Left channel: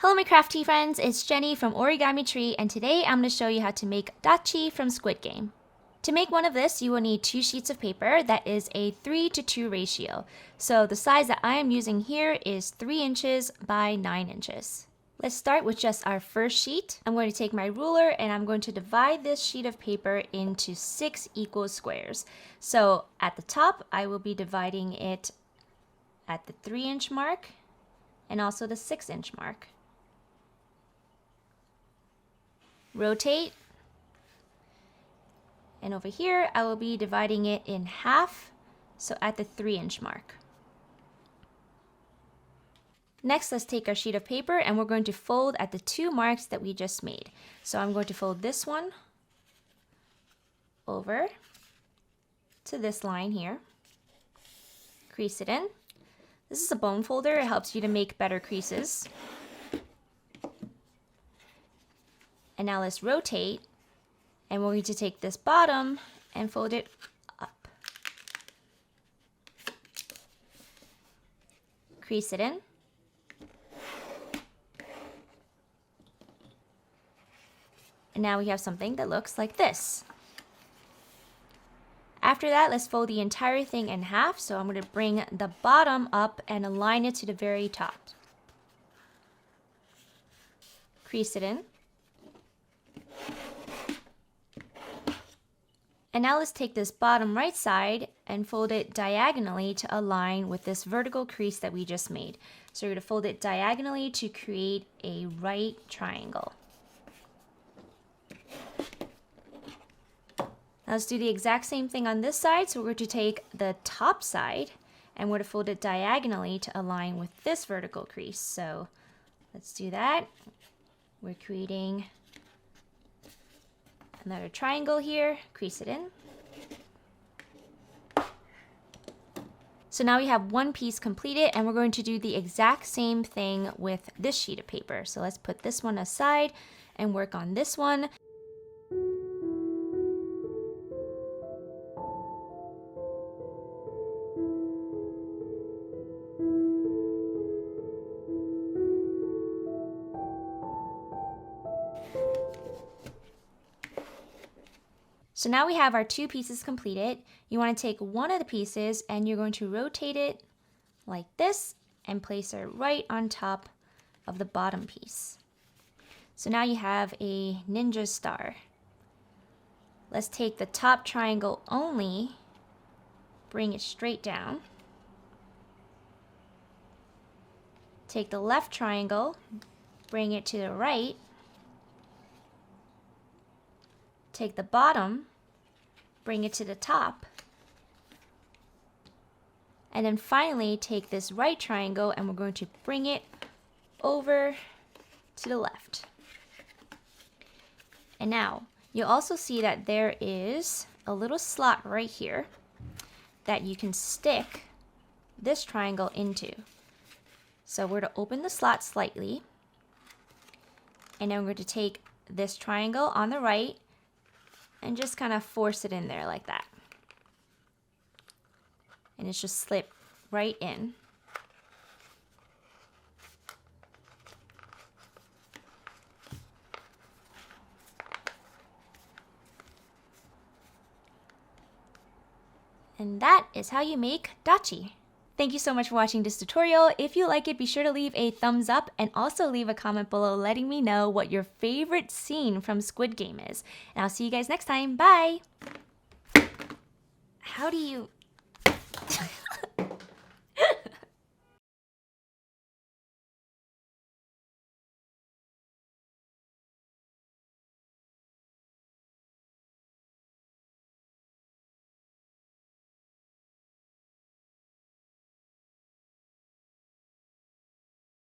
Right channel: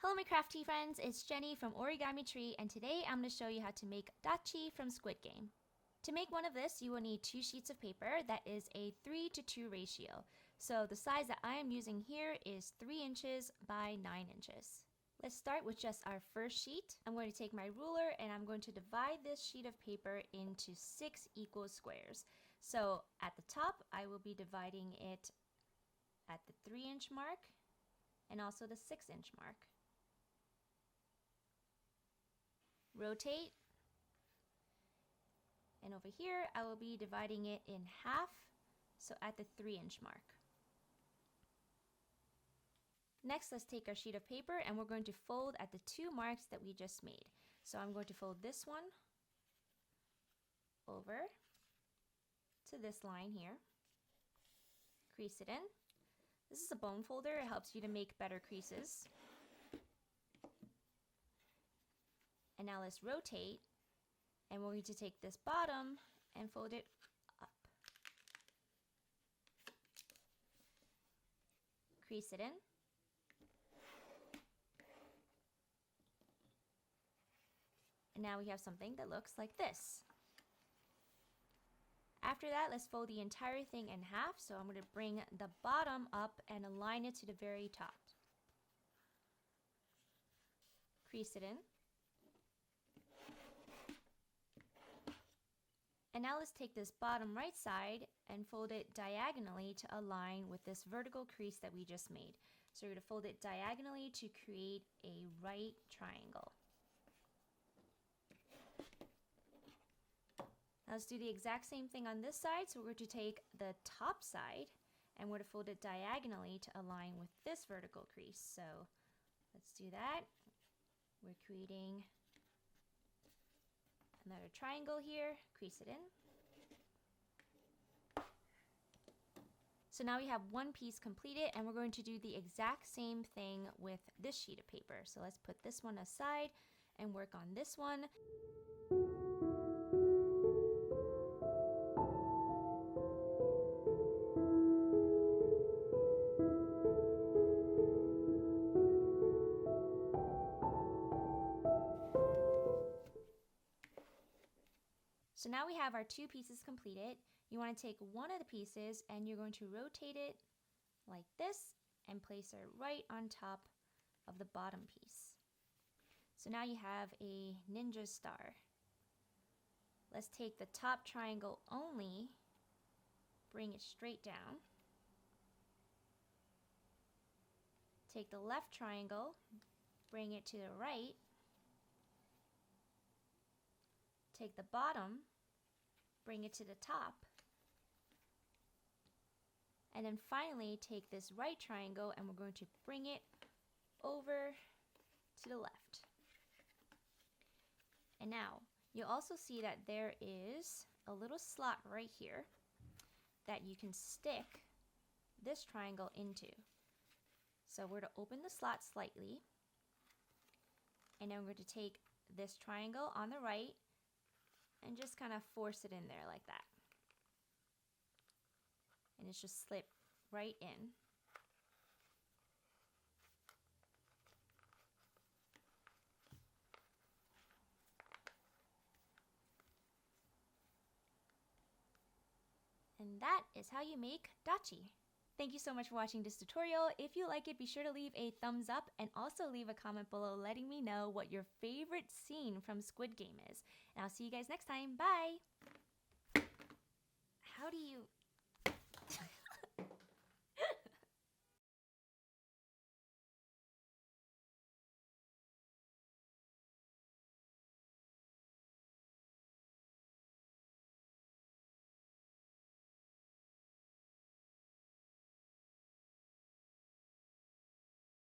Hello my crafty friends, it's Jenny from Origami Tree, and today I'm going to show you how to make Ddakji from Squid Game. To make one of this, you will need 2 sheets of paper that is a 3:2 ratio. So the size that I am using here is 3 inches by 9 inches. Let's start with just our first sheet. I'm going to take my ruler and I'm going to divide this sheet of paper into 6 equal squares. So at the top, I will be dividing it at the 3-inch mark and also the 6-inch mark. Rotate, and over here I will be dividing it in half, so at the 3-inch mark. Next, let's take our sheet of paper and we're going to fold at the 2 marks that we just made. So I'm going to fold this one over to this line here, crease it in. This is a bone folder, it helps you to make better creases. And now let's rotate, and we're going to take this bottom and fold it up. Crease it in. And now we have something that looks like this. After that, let's fold the entire thing in half. So I'm going to bring the bottom up and align it to the very top. Crease it in. And now let's take this bottom right side and fold it diagonally to align with this vertical crease that we just made. So we're going to fold it diagonally to create a right triangle. Now let's do the exact same thing on this side. So we're going to take the top side and we're going to fold it diagonally to align with this vertical crease. So let's do that. We're creating another triangle here, crease it in. So now we have one piece completed, and we're going to do the exact same thing with this sheet of paper. So let's put this one aside and work on this one. So now we have our 2 pieces completed. You want to take one of the pieces and you're going to rotate it like this and place it right on top of the bottom piece. So now you have a ninja star. Let's take the top triangle only, bring it straight down. Take the left triangle, bring it to the right. Take the bottom, bring it to the top, and then finally take this right triangle and we're going to bring it over to the left. And now you'll also see that there is a little slot right here that you can stick this triangle into. So we're to open the slot slightly, and then we're going to take this triangle on the right and just kind of force it in there like that. And it's just slip right in. And that is how you make Ddakji. Thank you so much for watching this tutorial. If you like it, be sure to leave a thumbs up and also leave a comment below letting me know what your favorite scene from Squid Game is. And I'll see you guys next time. Bye! How do you...